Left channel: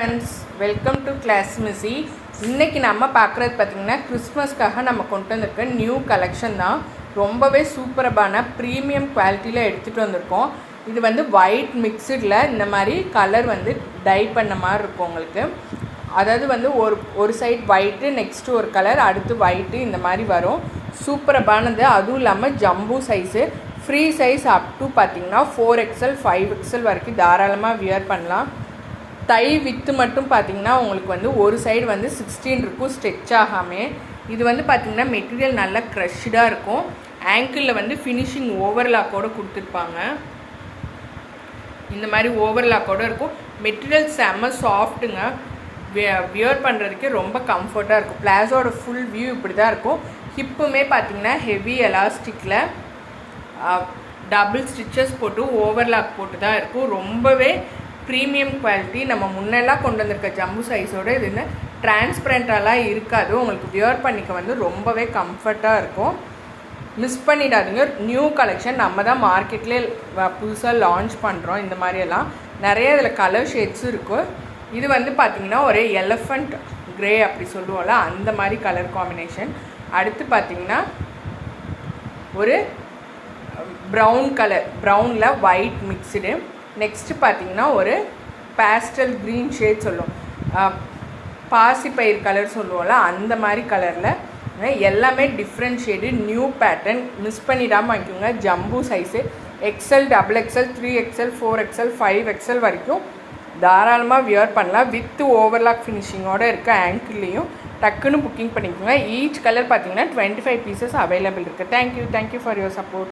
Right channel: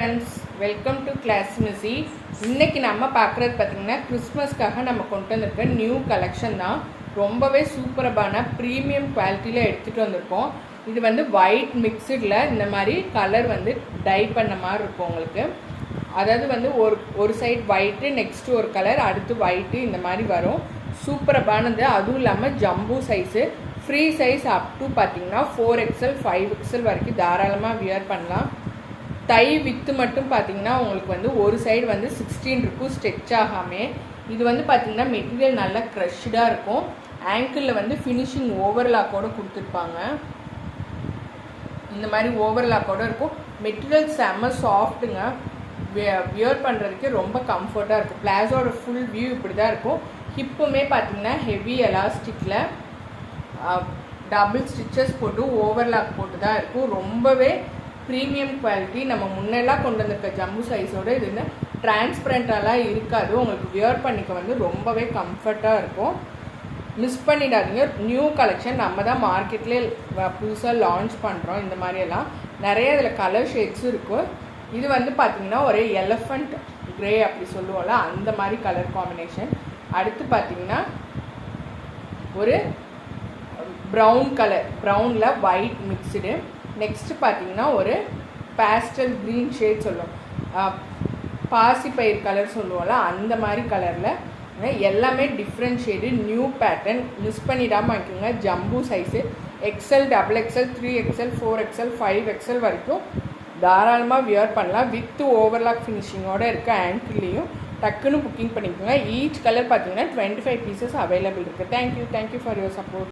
Friends, welcome to class மிஸி. இன்றைக்கி நம்ம பார்க்குறது பார்த்திங்கன்னா கிறிஸ்மஸ்க்காக நம்ம கொண்டு வந்திருக்க நியூ கலெக்ஷன் தான். ரொம்பவே சூப்பரான ப்ரீமியம் குவாலிட்டியில் எடுத்துகிட்டு வந்திருக்கோம். இது வந்து ஒயிட் மிக்சடில் இந்த மாதிரி கலர் வந்து டை பண்ண மாதிரி இருக்கும் உங்களுக்கு. அதாவது வந்து ஒரு சைடு ஒயிட்டு, நெக்ஸ்ட்டு ஒரு கலர், அடுத்து ஒயிட்டு, இந்த மாதிரி வரும். சூப்பரானது. அதுவும் இல்லாமல் jumbo size, free size up to பார்த்திங்கன்னா 4XL 5XL வரைக்கும் தாராளமாக வியர் பண்ணலாம். டை வித்து மட்டும் பார்த்திங்கன்னா உங்களுக்கு வந்து ஒரு சைடு வந்து 16 இருக்கும் ஸ்ட்ரெச் ஆகாமே. இது வந்து பார்த்திங்கன்னா மெட்டீரியல் நல்லா க்ரஷ்டாக இருக்கும். ஆங்கிளில் வந்து ஃபினிஷிங் ஓவர்லாக்கோடு கொடுத்துருப்பாங்க. இந்த மாதிரி ஓவர்லாக்கோடு இருக்கும். மெட்டீரியல் செம்ம சாஃப்ட்டுங்க. வியர் பண்ணுறதுக்கு ரொம்ப கம்ஃபர்ட்டாக இருக்கும். பிளாஸோட ஃபுல் வியூ இப்படி தான் இருக்கும். ஹிப்புமே பார்த்திங்கன்னா ஹெவி எலாஸ்டிக்கில் டபுள் ஸ்டிச்சஸ் போட்டு ஓவர்லாக் போட்டு தான் இருக்கும். ரொம்பவே ப்ரீமியம் குவாலிட்டி. நம்ம முன்னெல்லாம் கொண்டு வந்திருக்க ஜம்பு சைஸோடு இது வந்து டிரான்ஸ்பரண்ட்டாலாம் இருக்காது. உங்களுக்கு வியர் பண்ணிக்க வந்து ரொம்பவே கம்ஃபர்ட்டாக இருக்கும். மிஸ் பண்ணிடாதீங்க. நியூ கலெக்ஷன் நம்ம தான் மார்க்கெட்லேயே புதுசாக லான்ச் பண்ணுறோம். இந்த மாதிரியெல்லாம் நிறைய இதில் கலர் ஷேட்ஸும் இருக்கும். இது வந்து பார்த்திங்கன்னா ஒரு எலஃபண்ட் க்ரே அப்படி சொல்லுவோம்ல, அந்த மாதிரி கலர் காம்பினேஷன். அடுத்து பார்த்திங்கன்னா ஒரு ப்ரௌன் கலர், ப்ரௌனில் ஒயிட் மிக்ஸ்டு. நெக்ஸ்ட்டு பார்த்திங்கன்னா ஒரு பேஸ்டல் க்ரீன் ஷேட் சொல்லுவோம், பாசிப்பயிர் கலர் சொல்லுவோம்ல, அந்த மாதிரி கலரில் எல்லாமே different shade, new pattern. Miss பண்ணிடாமல் வாங்கிக்கோங்க. Jumbo size XL, XXL, 3XL, 4XL, 5XL வரைக்கும் தாராளமாக வியர் பண்ணலாம். வித்து ஓவர்லாக் ஃபினிஷிங்கோடு இருக்க ஆங்கிள்லேயும் டக்குன்னு புக்கிங் பண்ணிக்கோங்க. ஈச் கலர் பார்த்திங்கன்னா 25 பீசஸ் அவைலபிள் இருக்குது. Thank you for your support.